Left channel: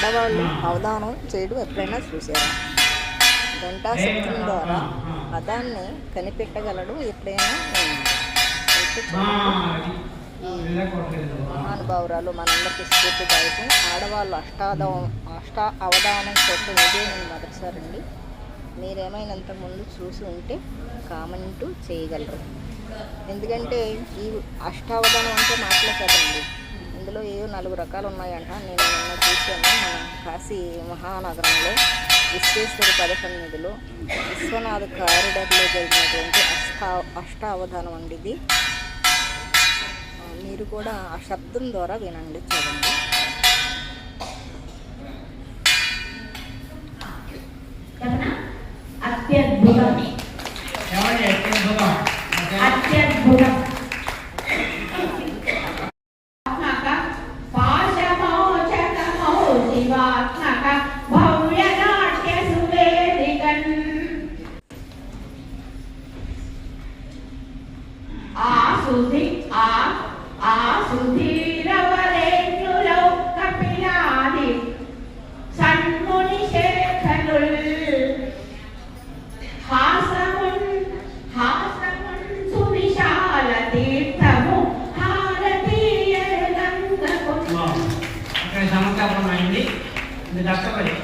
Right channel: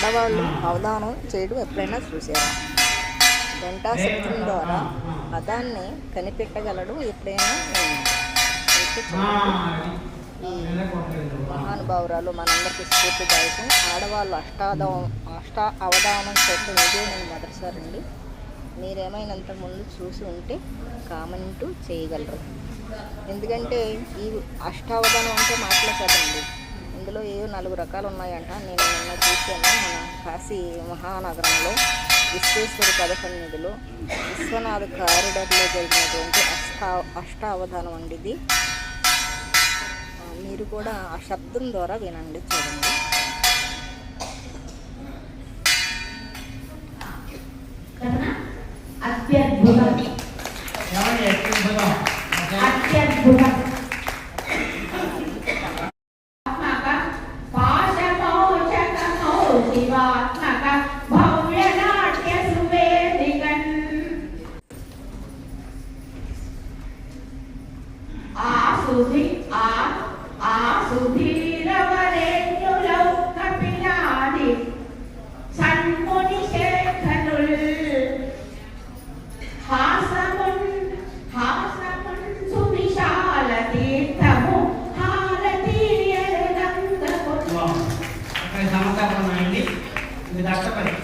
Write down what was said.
ఆడవాళ్ళు అవధానం చేయడం ఎప్పుడైనా చూసారా గంటా శబ్దం ద్వారా పదాన్ని కనిపెట్టగలడం ఎప్పుడైనా ఈ మహానుభావురాలు మనందరికీ స్ఫూర్తిదాయకం ఆడవాళ్ళు అష్టాదవం అష్ట అవధానం చూడటం ఇదే నేను మొదటిసారండి. మీరేమైనంత ముందు చూసి ఉంటే కామెంటు చేయగలరు. ఎందుకంటే ఈ అష్టావధానం అంటే మాటలే ఇందులో ఏవో నాలుగు రకాలు ఉన్నాయంట నేను నిన్న చూశాను. మన కాశీ మహానగరంలో విశ్వేశ్వర పద నిధులు విశ్వనాథ్ కారిడర్లో జరిగినటువంటి అష్టా అష్టావధానం అండి ఇది. మీరు కూడా ఆ శబ్దం ద్వారా వినండి చూడండి సుధి ఆ ఆ సుధీరవరేణులో కపిలాది సన్ముని శేఖరుల్ హాసమున్ హాసమున్ సువిశాల తీర్థము హారతీయ గంగకు అక్కడ సమకాలం కష్టపడి